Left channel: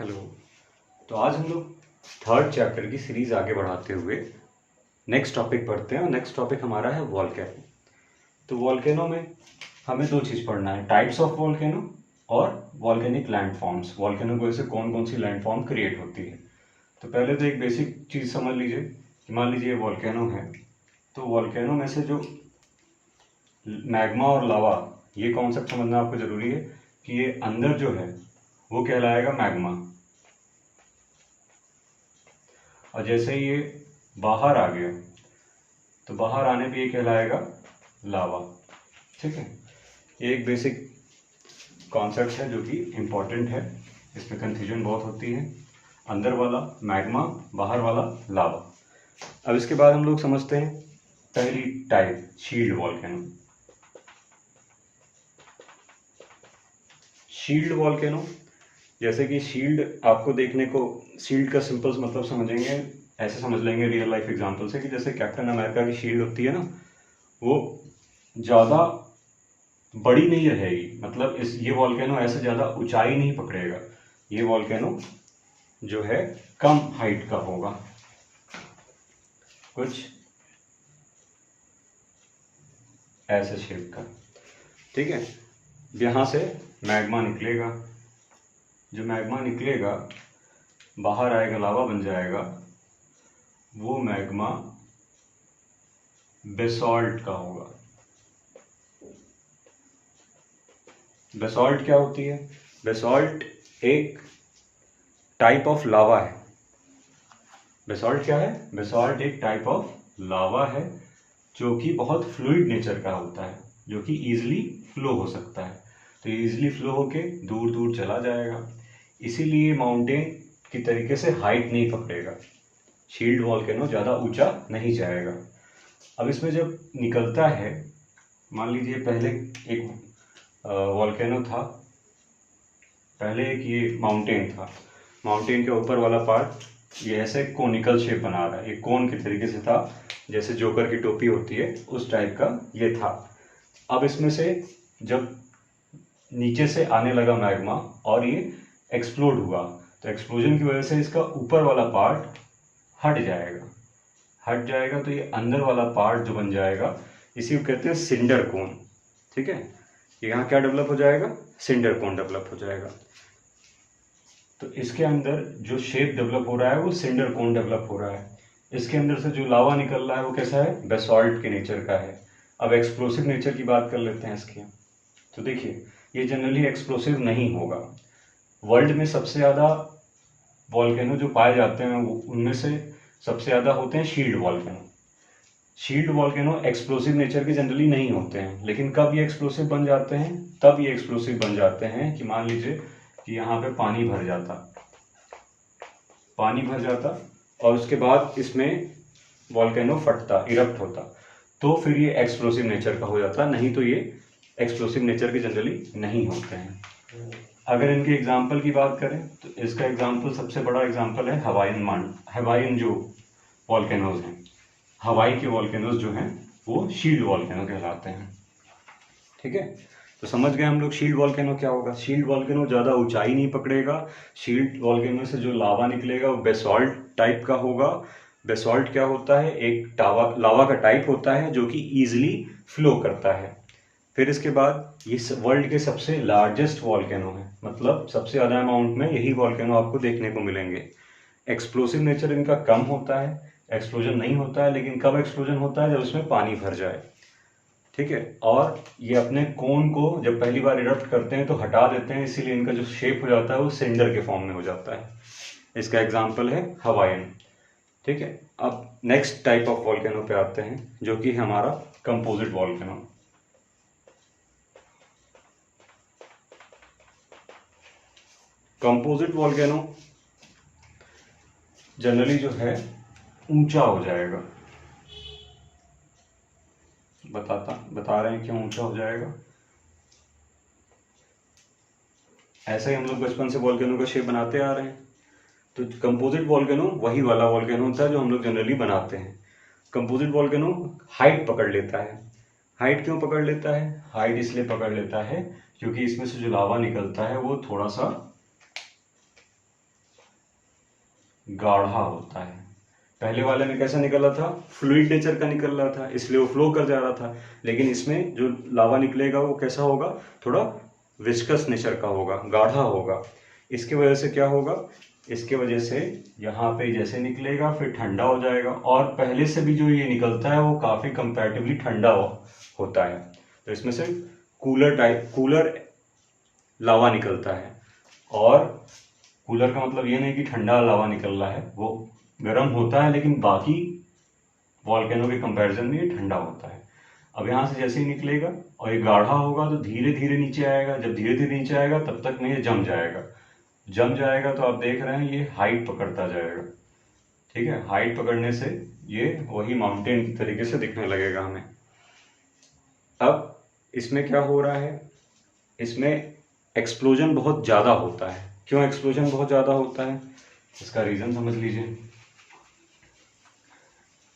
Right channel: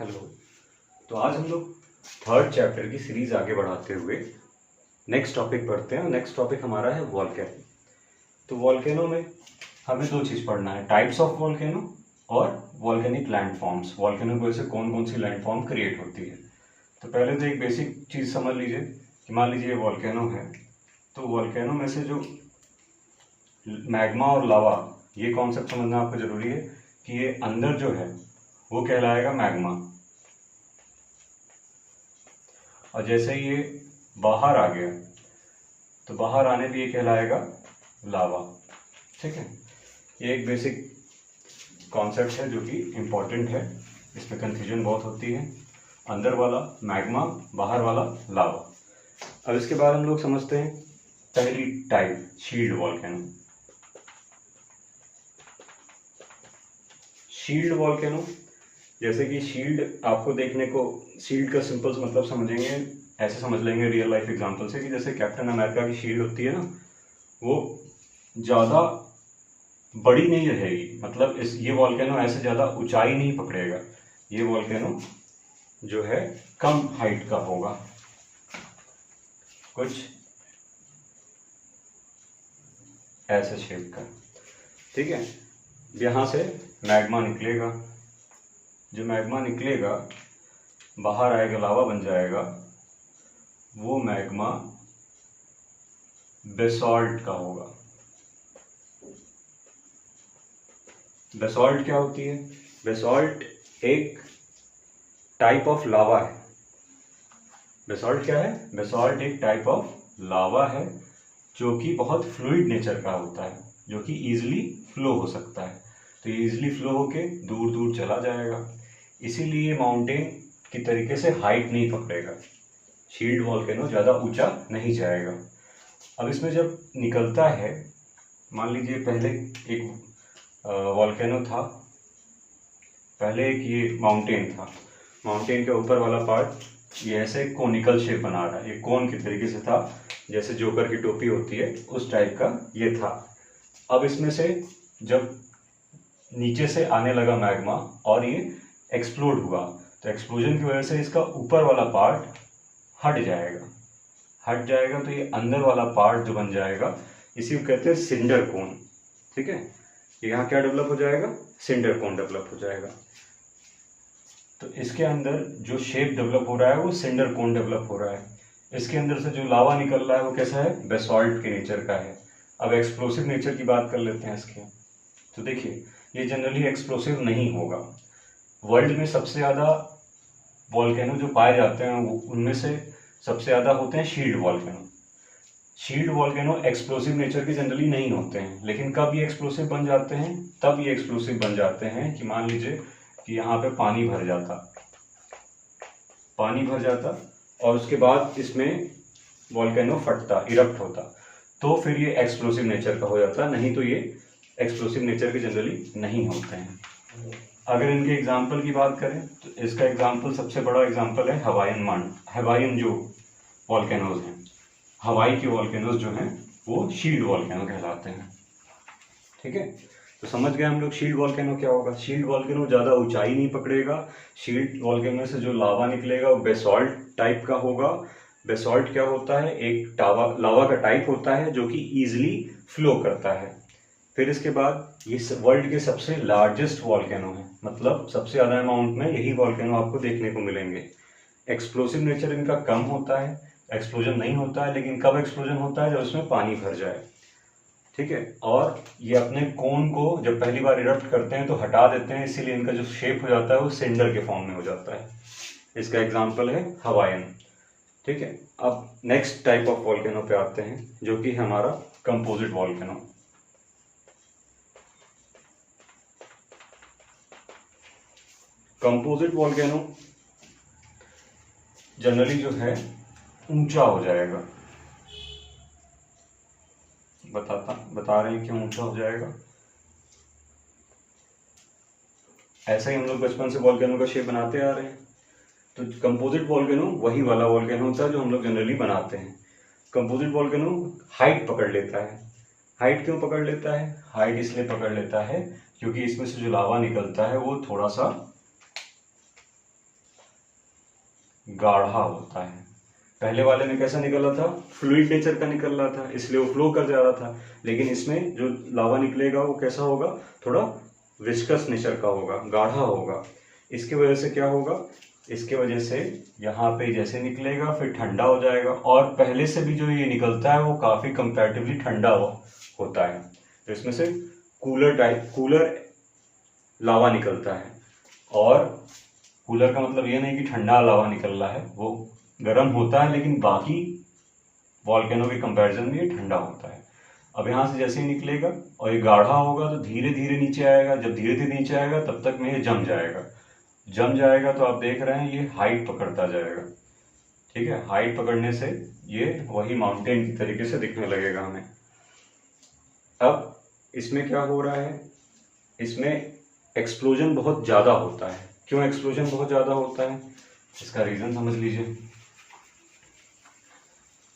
Hello. तो आज हम लोग थर्ड चैप्टर की सीरीज आगे बढ़ाते हुए नेक्स्ट टॉपिक पढ़ते हैं और नेक्स्ट टॉपिक हमारा है वॉल्केनो। तो वॉल्केनो में हमें दो चीज़ पढ़ना है, टाइप्स ऑफ वॉल्केनो और वॉल्केनिक लैंडफॉर्म्स। वॉल्केनो की वजह से कौन कौन सी लैंडफॉर्म क्रिएट होती है। तो पहले तो एक बेसिक चीज़ समझ लीजिए कि मान लीजिए वॉल्केनो है, तो वॉल्केनो में से जो मैग्मा और लावा, ये कॉन्सेप्ट समझना आपको ज़रूरी है कि ये अंदर जो है वो कहलाएगा मैग्मा, और जैसे ही ये बाहर आ गया तो बाहर आने पे ये कहलाएगा लावा। ठीक है, ये एक बेसिक कॉन्सेप्ट है जो कि इम्पोर्टेंट है, इसमें कंफ्यूजन बहुत होती है। अंदर वाला मैग्मा, बाहर वाला लावा। अब इसके बाद हम लोग समझते हैं पहली type, shield volcano. Shield volcano, जैसे कि शील्ड आपको देखने को, शील्ड का सिंपल मतलब समझेंगे, ऐसे समझ लेंगे रियल लाइफ एग्जांपल से कि जैसे कैप्टन अमेरिका की शील्ड होती है ना, वो ज़्यादा बड़ी नहीं रहेगी, मतलब ये वॉल्केनो ऐसे ज़्यादा ऊंचाई नहीं पकड़ेगा। ये वॉल्केनो जो है कम हाइट का होगा, कुछ ऐसे शेप का। ठीक है, यहाँ से मैग्मा निकलेगा, जो मैग्मा निकलेगा बाहर आएगा, लावा बन जाएगा, वो मैग्मा बेसॉल्ट का होगा। बेसॉल्ट क्या होती है? बेसॉल्ट एक टाइप ऑफ लावा है। बेसॉल्ट क्या है? बेसॉल्ट एक टाइप ऑफ लावा है जो कि बहुत फ्लूइड नेचर का होता है, जो कि ईजिली फ्लो हो सकता है। तो ये ईजिली फ्लो होके दूर दूर चला जाएगा, इसीलिए माउंटेन की तरीके से हाइट नहीं पकड़ेगा। शील्ड वॉल्केनो ज़्यादा ऊंचा नहीं जाएगा। अब इसमें जब निकलता है, मान लीजिए पहले एक वॉल्केनो था, पहले एक ये माउंटेन था, माउंटेन के ऊपर वाला पार्ट ये ऐसे कोनिकल शेप बना रहा है, ये कोन के तरीके से था, जैसे जोकर की टोपी होती है उस टाइप का ये था। अब इसमें से जब नीचे से आने लगा मैग्मा और ये एक्सप्लोड हुआ, तो एक्सप्लोजन की वजह से इसका ऊपर वाला पार्ट हट जाएगा, तो ये अंदर वाला पार्ट जो बन जाएगा, इसी को कहते हैं सिंडर कोन। ठीक है, यहाँ क्या डेवलप हो जाएगा? सिंडर कोन डेवलप हो जाएगा। तो इसके अंदर जो शेप डेवलप हो रहा है वो सिंडर कोन डेवलप हो रहा है। इसके अंदर से जो लावा निकल रहा है वो कैसा है? बेसॉल्ट के नेचर का है। अब एक्सप्लोसिव नेचर की बात कर लेते हैं इसकी। तो देखिए, ये जनरली एक्सप्लोसिव नहीं होगा। वर्ल्ड में सबसे ज़्यादा वॉल्केनो जो पाए जाते हैं उनमें से सबसे ज़्यादा होते हैं shield volcano. Shield volcano explosive nature के जनरली नहीं होते हैं, लेकिन कब ये एक्सप्लोसिव बन जाते हैं? तब ये एक्सप्लोसिव बन जाते हैं कि मान लीजिए कि यहाँ पे पानी भर जाता और उसके बाद इसमें वॉल्केनो फटता, इरप्ट होता, तो फिर ये एक्सप्लोसिव नेचर का हो जाता, नहीं तो ये एक्सप्लोसिव नेचर के जनरली नहीं होते हैं। अगर इनके एग्जाम्पल की बात करें तो इसका एग्जाम्पल, सबसे बड़ा एग्जाम्पल है हवाईन जो वॉल्केनोज हैं, हवाई के वॉल्केनोज जो हैं वो शील्ड वॉल्केनो कहलाते हैं। ठीक है, तो समझ गए हम लोग शील्ड वॉल्केनो क्या होगा। शील्ड वॉल्केनो ज़्यादा ऊंचाई नहीं पकड़ेगा। शील्ड वॉल्केनो से जो लावा निकलेगा वो बेसॉल्ट टाइप का होगा। बेसॉल्ट क्या होता है? एक लावा का टाइप होता है जो कि ईजिली फ्लो करता है। फिर इसके बाद ये वर्ल्ड के सबसे लार्जेस्ट वॉल्केनो है, मतलब सबसे ज़्यादा अमाउंट में यही वॉल्केनो आपको देखने को मिलेंगे। एक्सप्लोसिव नेचर इनका कम होता है, एक्सप्लोजन नहीं होता है, लेकिन कब एक्सप्लोजन होता है? जब उसमें पानी भर जाए। ठीक है, और ये अपने कोन को जब पहली बार इरप्ट करते हैं तो हटा देते हैं, इसीलिए इनका जो शेप हो जाता है वो सिंडर के फॉर्म में हो जाता है। इसका एग्जाम्पल है हवाईन। ठीक है, अब नेक्स्ट टाइप ऑफ वॉल्केनो पे आते हैं जो कि हमारा composite volcano. Composite volcano generally जो है ऊंचा हो जाएगा। बता रहे हैं क्यों ऊंचा हो जाएगा। ऐसे ही हम लोग बचपन से वॉल्केनो का शेप बनाते आ रहे हैं, तो कंपोजिट वॉल्केनो वही वाला वॉल्केनो होता है जो हम लोग जनरली बनाते हैं। कंपोजिट वॉल्केनो हाइट पकड़ लेता है। हाइट क्यों पकड़ लेता है? हाइट इसलिए पकड़ लेता है क्योंकि इसमें से जो लावा निकलता है वो थोड़ा सा गाढ़ा होता है। पहले वाले में कैसा निकल रहा था, फ्लूइड नेचर का निकल रहा था, इसलिए वो फ्लो कर जा रहा था। लेकिन इसमें जो लावा निकलेगा वो कैसा होगा, थोड़ा विस्कस नेचर का होगा, गाढ़ा होगा। इसकी वजह से क्या होगा, इसके वजह से यहाँ पे जैसे निकलेगा फिर ठंडा हो जाएगा, और पहले से भी जो ये निकलता है वो काफ़ी कंपैरेटिवली ठंडा होता है। तो इसमें से कूलर लावा निकलता है। और कूलर का मतलब ये नहीं कि ठंडा लावा निकल रहा है, वो गर्म होता है, लेकिन बाकी वॉल्केनो के कंपैरिजन में ये ठंडा होता है। अब यहाँ से जैसे ही निकलेगा और ये गाढ़ा होगा तो धीरे धीरे नीचे आएगा। जब धीरे धीरे नीचे आएगा तब तक में ये जम जाएगा तो आप देख रहे हैं ये हाइट पकड़ता जाएगा। ठीक है, हाइट पकड़ने से ये वही माउंटेन की तरीके से दिखने लगेगा हमें। अब इसमें क्या हो रहा है, इसमें एक्सप्लोजन बहुत ज़्यादा होता है। क्यों एक्सप्लोजन बहुत ज़्यादा होता है, इसका रीज़न समझ लीजिए।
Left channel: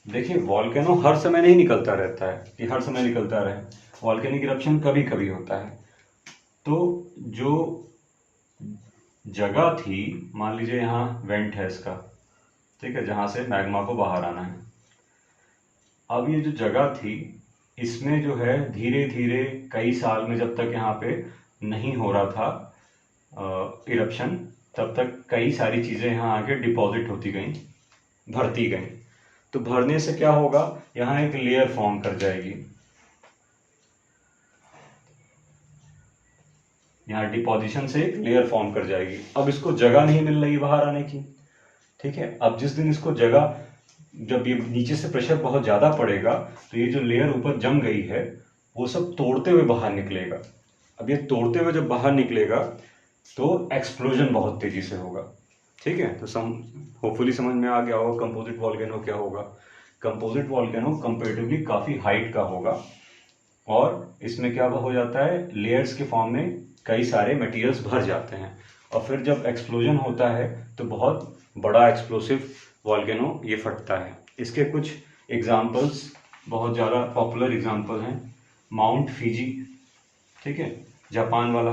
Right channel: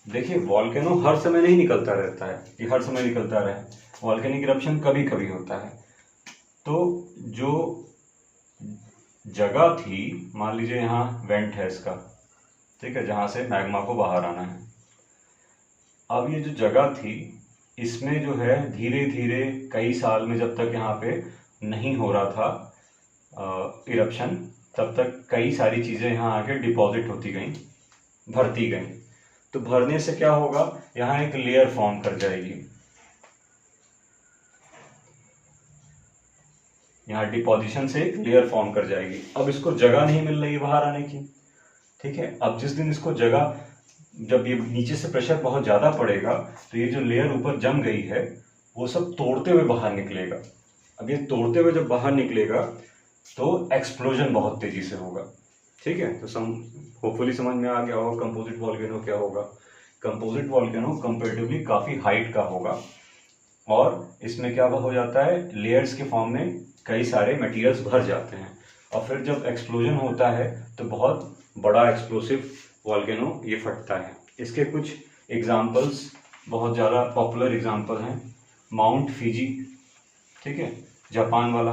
देखिए, वॉल्केनो हर समय नहीं निकलता रहता है कि हर समय निकलता रहे। वॉल्केनिक इरप्शन कभी कभी होता है। तो जो जगह थी, मान लीजिए यहाँ वेंट है इसका, ठीक है, जहाँ से मैग्मा को बाहर आना है। अब ये जो जगह थी, इसमें जो है धीरे धीरे कई साल में, जब तक यहाँ पे नहीं हो रहा था इरप्शन, तब तक कई सारी चीज़ें यहाँ आके डिपॉजिट होती गई, भरती गई। तो भरने से क्या होगा, यहाँ एक लेयर फॉर्म कर जाएगी। यहाँ डिपोजिशन से एक लेयर फॉर्म कर जाएगी। अब इसको जगह नहीं मिल रही बाहर आने की। ठीक है, अब जिस दिन इसको जगह, जब ये नीचे से प्रेशर बहुत ज़्यादा पड़ेगा तो ये जो लेयर ऊपर जम गई है वो सब तोड़ते हुए बाहर निकलेगा। अब ये तोड़ते हुए जब बाहर निकलेगा तो एक्सप्लोजन बहुत तेज़ी से होगा। ठीक है, तो होपफुली समझ में आ गया होगा कंपोजिट वॉल्केनो क्या होगा। कंपोजिट वॉल्केनो कंपेरेटिवली काफ़ी हाइट का होगा, और इसमें क्या हो जाता है, लेयर्स के फॉर्म में कई सारे मटेरियल्स भर जाते हैं, और फिर जब एक्सप्लोजन होता है तो बहुत बड़ा एक्सप्लोसिव वॉल्केनो ये फटता है। इसके कुछ एग्जांपल्स, बहुत ज़्यादा पॉपुलर एग्जांपल हैं। माउंट फिजी, ठीक है, जापान वाला,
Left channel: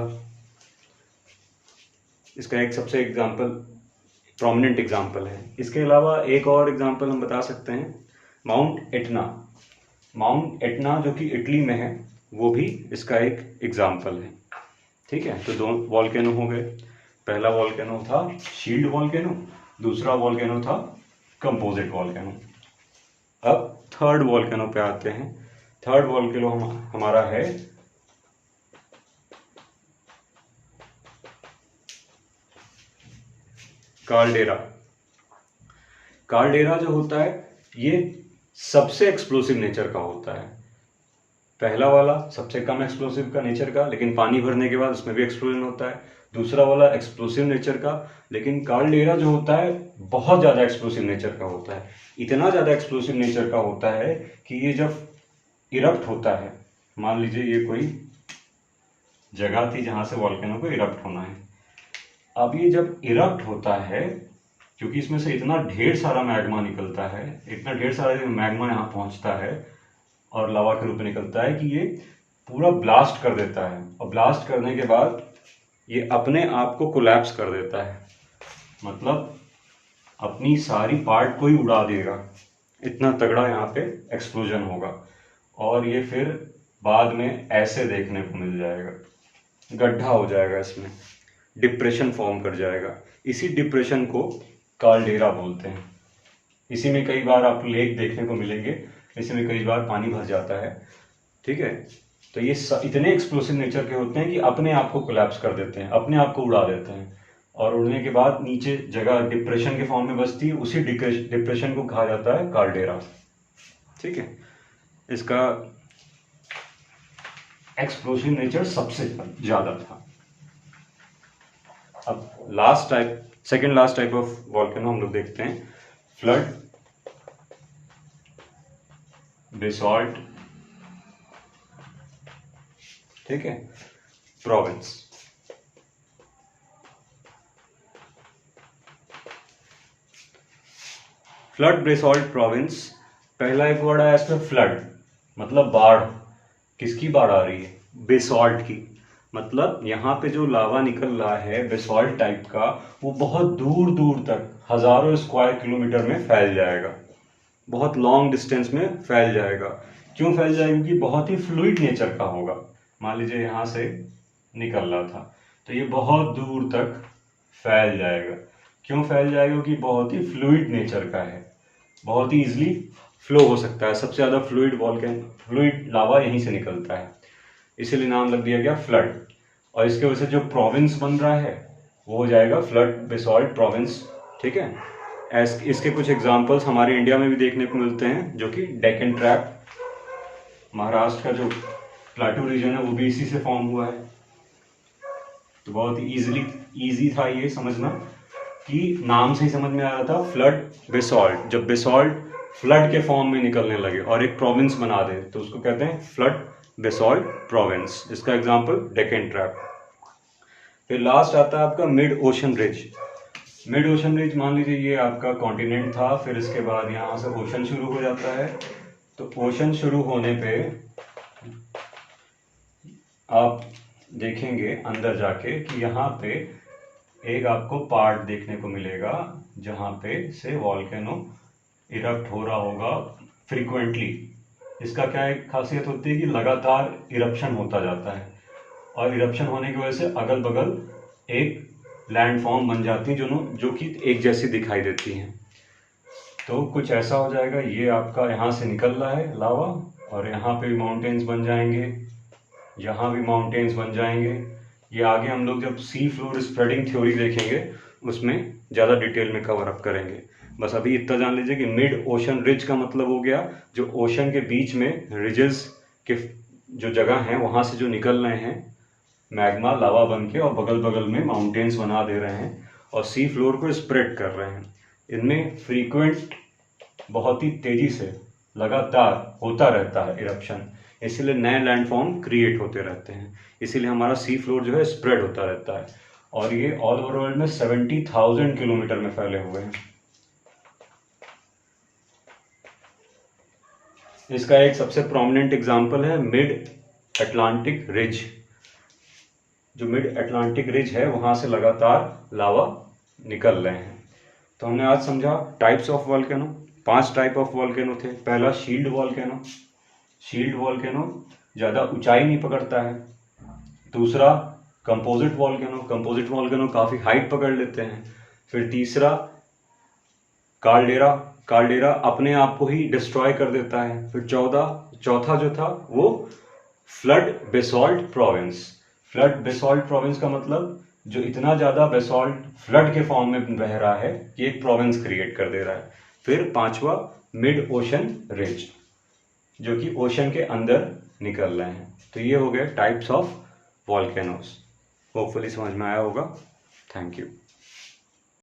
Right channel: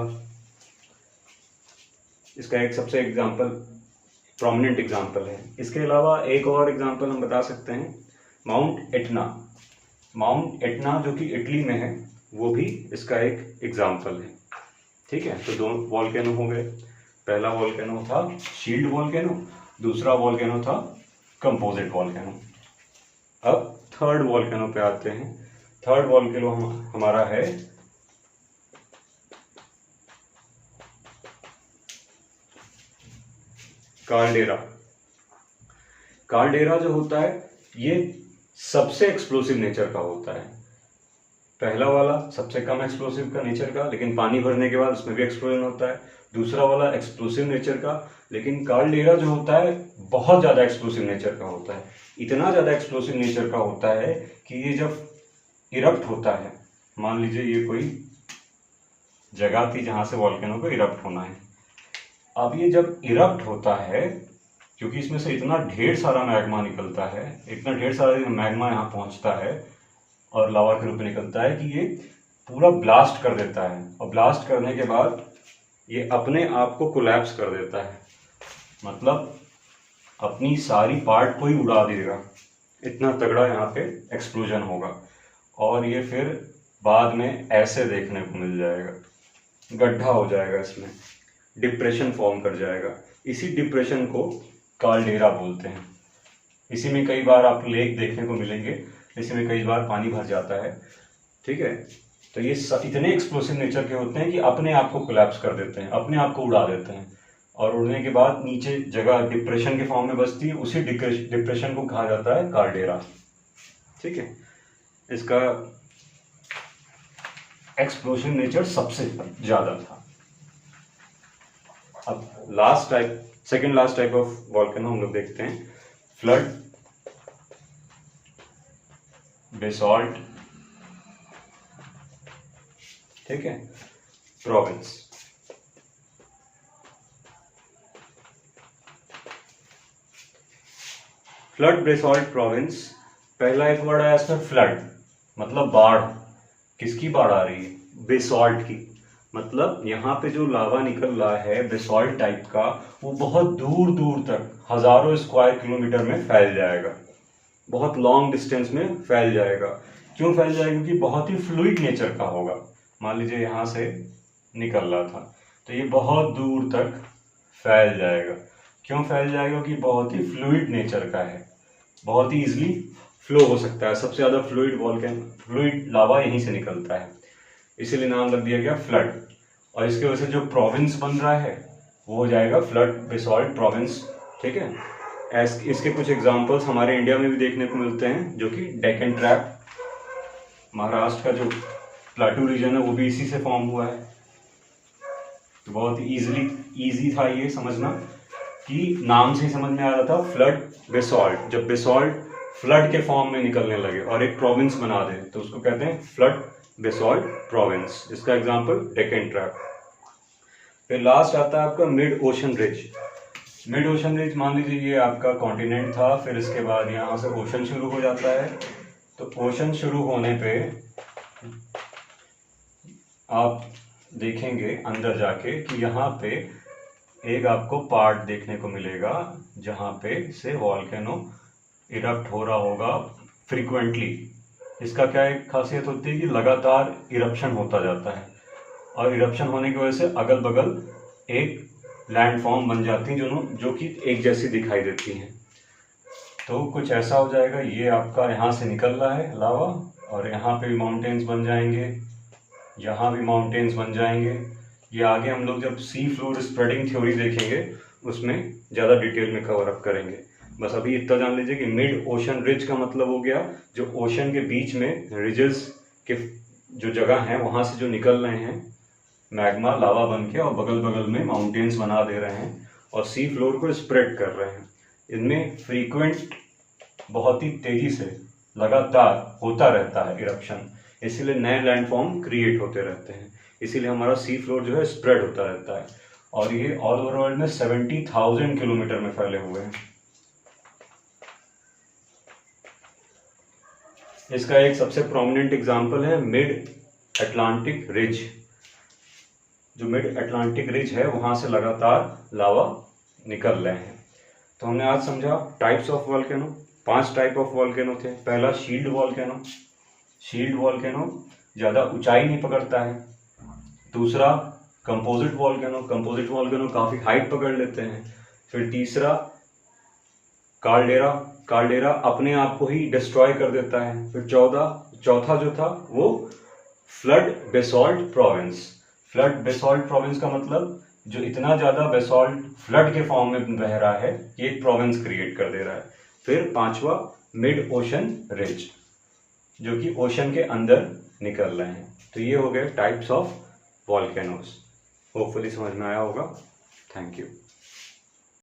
इसका एक सबसे एग्जांपल, प्रोमिनेंट एग्जांपल है। इसके अलावा एक और एग्जांपल हम बता सकते हैं, माउंट एटना। माउंट एटना जो कि इटली में है, वो भी इसका एक एग्जांपल है। ठीक है, तो दो वॉल्केनो हो गए। पहला वॉल्केनो था शील्ड वॉल्केनो, दूसरा वॉल्केनो था कंपोजिट वॉल्केनो। अब थर्ड वॉल्केनो पे आते हैं। थर्ड वॉल्केनो हमारा है काल्डेरा। काल्डेरा जो होता है ये सबसे एक्सप्लोसिव नेचर का होता है। पहला वाला सबसे कम एक्सप्लोसिव का नेचर का, लेकिन पानी भरने के बाद उसमें भी एक्सप्लोजन होता है। दूसरा वाला एक्सप्लोसिव नेचर का, लेकिन काल्डेरा जो होता है बहुत ज़्यादा एक्सप्लोसिव नेचर का होता है। इतना ज़्यादा एक्सप्लोसिव नेचर का होता है कि ये जब इरप्ट होता है, मान लीजिए ये कोई जगह थी जहाँ से वॉल्केनो को इरप्ट होना है। अब ये जब इरप्ट होता है, क्योंकि इसमें से इतना ढेर सारा मैग्मा निकलता है, इतना ढेर सारा मैग्मा यहाँ पहुँचता है और लावा के रूप में निकलता है कि ये पूरा ब्लास्ट कर देता है। और ब्लास्ट करने के बाद ये अपने आप को कोलैप्स कर देता है, मतलब अपनी सारी पार्ट को ही उड़ा देगा। इतना तगड़ा यहाँ पे एक्सप्लोजन होगा, और ये फिर बाद में ऐसे देखने को मिल जाएगा, गड्ढा हो जाएगा, इसमें डिप्रेशन फॉर्म कर जाएगा। इसी डिप्रेशन को काल्डेरा बोलते हैं। इसी में कई बार आप लेक देखने को मिलेंगे, इसी में कई बार पानी भर जाता है। ठीक है, तो ये इतने एक्सप्लोसिव नेचर के होते हैं कि अपने आप को कोलैप्स कर देते हैं, अपने आप को उड़ा देते हैं, और उड़ने के बाद नीचे जगह डिप्रेशन के फॉर्म में बसती है। उसी डिप्रेशन को कहा जाता है काल्डेरा। ठीक है, इसका एक्सप्लोसिव नेचर सबसे ज़्यादा था। अब last type, second last type of volcano हम लोग देखते हैं, फ्लड, बेसॉल्ट, ठीक है, प्रोविंस। Flood, basalt, province. पहला एक वर्ड आया इसमें फ्लड, मतलब बाढ़। किसकी बाढ़ आ रही है? बेसॉल्ट की। मतलब यहाँ पे जो लावा निकल रहा है बेसॉल्ट टाइप का, वो बहुत दूर दूर तक हजारों स्क्वायर किलोमीटर में फैल जाएगा, बहुत लॉन्ग डिस्टेंस में फैल जाएगा। क्यों फैल जाएगा? क्योंकि बहुत ही फ्लूइड नेचर का होगा। मान लीजिए यहाँ से निकल रहा था तो ये बहुत दूर तक फैल जाएगा। क्यों फैल जाएगा? क्योंकि बहुत ही फ्लूइड नेचर का है, बहुत ही इजीली फ्लो हो सकता है। सबसे ज़्यादा फ्लूइड लावा यहीं से निकलता है, इसीलिए नाम रख दिया गया फ्लड। और इसके वजह से जो प्रोविंस बन रहा है वो हो जाएगा फ्लड बेसॉल्ट प्रोविंस। ठीक है, इसके कुछ एग्जांपल्स हमारे इंडिया में भी देखने को मिलते हैं, जो कि डेक्कन ट्रैप, महाराष्ट्र का जो प्लाटू रीजन है वो भी इसी से फॉर्म हुआ है। तो बहुत इजी था ये समझना, कि नाम से ही समझ में आ रहा था फ्लड बेसॉल्ट। जब बेसॉल्ट फ्लड के फॉर्म में निकलने लगे और एक प्रोविंस बना दे तो उसको कहते हैं फ्लड बेसॉल्ट प्रोविंस। इसका एग्जांपल डेक्कन ट्रैप। फिर लास्ट आता है आपका mid ocean ridge. Mid ocean ridge मान लीजिए ये आपका कॉन्टिनेंट था, फिर इसके बाद यहाँ से ओशन शुरू हो जाता है। तो ओशन शुरू होने पे आप देखेंगे अंदर जाके कि यहाँ पे एक आपको पार्ट देखने को मिलेगा जहाँ पे से वॉल्केनो इरप्ट हो रहा होगा फ्रीक्वेंटली। इसका क्या एक खासियत होती है कि लगातार इरप्शन होता जाता है, और इरप्शन होने की वजह से अगल बगल एक लैंडफॉर्म बन जाती हैं जो कि एक जैसी दिखाई देती हैं। तो कुछ ऐसा हो जाएगा, ये आपका यहाँ से निकल रहा है लावा, और यहाँ पे भी माउंटेन्स बन जाएंगे, यहाँ भी माउंटेन्स बन जाएंगे। ये आगे हम लोग जब सी फ्लोर स्प्रेडिंग थ्योरी देखेंगे उसमें ज़्यादा डिटेल में कवर अप करेंगे। बस अभी इतना जान लीजिए कि मिड ओशन रिज का मतलब हो गया जो ओशन के बीच में रिजेस के जो जगह हैं वहाँ से जो निकल रहे हैं मैग्मा लावा बन के, और बगल बगल में माउंटेन्स बना दे रहे हैं और सी फ्लोर को स्प्रेड कर रहे हैं। इनमें फ्रीक्वेंट बहुत ही तेज़ी से लगातार होता रहता है इरप्शन, इसीलिए नए लैंडफॉर्म क्रिएट होते रहते हैं, इसीलिए हमारा सी फ्लोर जो है स्प्रेड होता रहता है। और ये ऑल ओवर वर्ल्ड में 70,000 किलोमीटर में फैले हुए हैं। इसका एक सबसे प्रोमिनेंट एग्जांपल है मिड अटलांटिक रिज। जो मिड अटलांटिक रिज है वहां से लगातार लावा निकल रहे हैं। तो हमने आज समझा types of volcano. 5 type of volcano थे। पहला शील्ड वॉल्केनो। शील्ड वॉल्केनो ज़्यादा ऊंचाई नहीं पकड़ता है। दूसरा कंपोजिट वॉल्केनो। कंपोजिट वॉल्केनो काफ़ी हाइट पकड़ लेते हैं। फिर तीसरा काल्डेरा। काल्डेरा अपने आप को ही डिस्ट्रॉय कर देता है। फिर चौथा जो था वो flood basalt province. Flood basalt province का मतलब जो इतना ज़्यादा बेसॉल्ट फ्लड के फॉर्म में बह रहा है कि एक प्रोविंस क्रिएट कर दे रहा है। फिर पांचवा मिड ओशन रिज, जो कि ओशन के अंदर निकल रहे हैं। तो ये हो गए टाइप्स ऑफ वॉल्केनोस। होपफुली समझ में आया होगा। Thank you.